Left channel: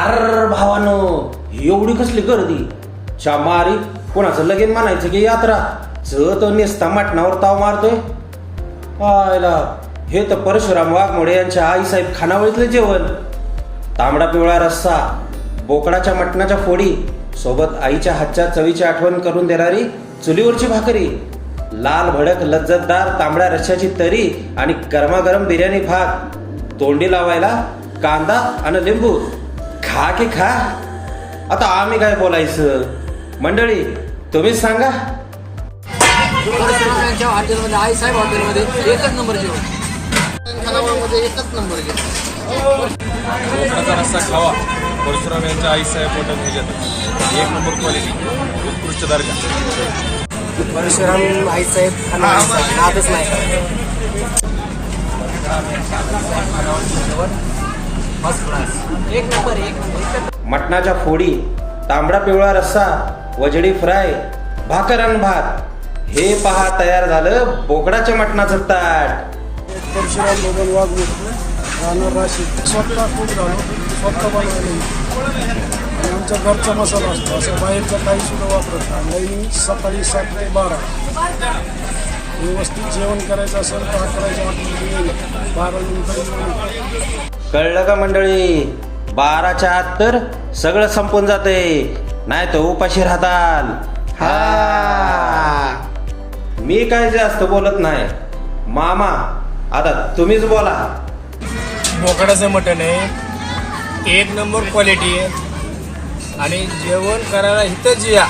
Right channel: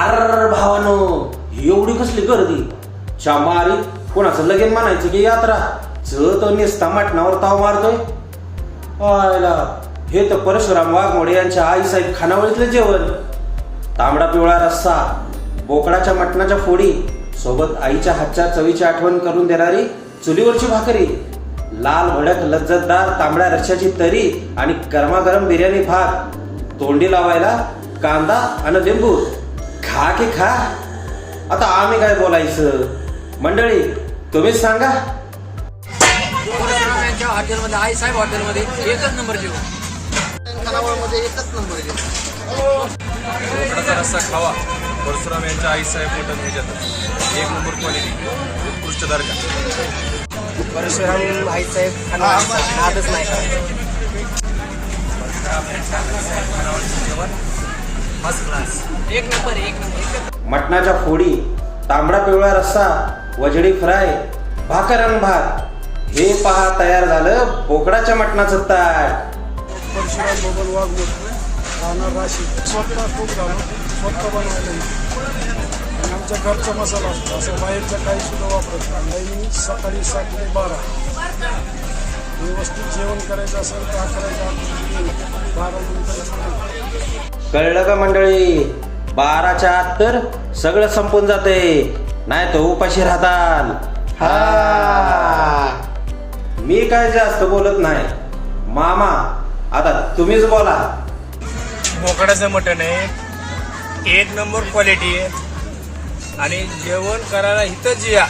अर भावानो एवढी कसली गर्दी? शामारी कोणाचं लगेन म्हणायचं की यात्रा? च तर नेसता मटणावर ताव मारतोय. आयला हे तर परशुराम वाघमोडे यांच्या आईसाहेब खानावळीतलं जेवण. तांबडा पिवळा रस्सा बोकडाच्या मटणाच्या फोडी सोबत आईच्या हातच्या चवीची आठवण करून देणारी चुलीवरची भाकरी लाल भडक लज्जतदार तांबड्या रश्याची तरी आणि गरमागरम बिर्याणी भात. तोंडी लावायला कांदा आणि लिंबू. खा की खा. आता आम्ही काय बोलायचं? मंडळी तुम्हीच सांगा. परशुरामांच्या हॉटेलमध्ये आई साहेब हॉटेलमध्ये एकच नंबर जेवण. खानावळमध्ये एकच नंबर जेवण. बोकडाचा रस्सा खावा. परशुराम यांच्या आईसाहेब मटन ह्याच्यातच एक नंबर क्वालिटी उत्कृष्ट दर्जा. परशुराम आई साहेब खानावळीचा. नादच नाही करायचा फर्स्ट क्लास एक नंबर एक नंबर. मटणाच्या फोडी तांबडा पिवळा रस्सा वजडी फ्राय भाकर आणि भात. हे पहा तयार झालं बोकडाच्या मटणाचं ताट. परशुराम बबन वाघमूर्ती राहणार राशी स्वतः खूप झालो. स्वतः बनवायला. आणि आमच्या घरचा मसाला असतो. असं बाहेरचा काही सुद्धा वापरत नाही. सकाळी सात ते बारा. व्यवस्थित जेवण करायचं असेल तर अकराच्या येईल बारा नंतर कळलं का मंडळी? बाराच्या आत तर सगळं संपून जाते नाही तर उपाशी राहताल. हा. मी काय जास्त बोलत नाही. मामा आता तुम्हीच बोला. बोकडाचं मटण आहे. एक नंबर क्वालिटी आहे. आणि जेवण करायला इथंच या.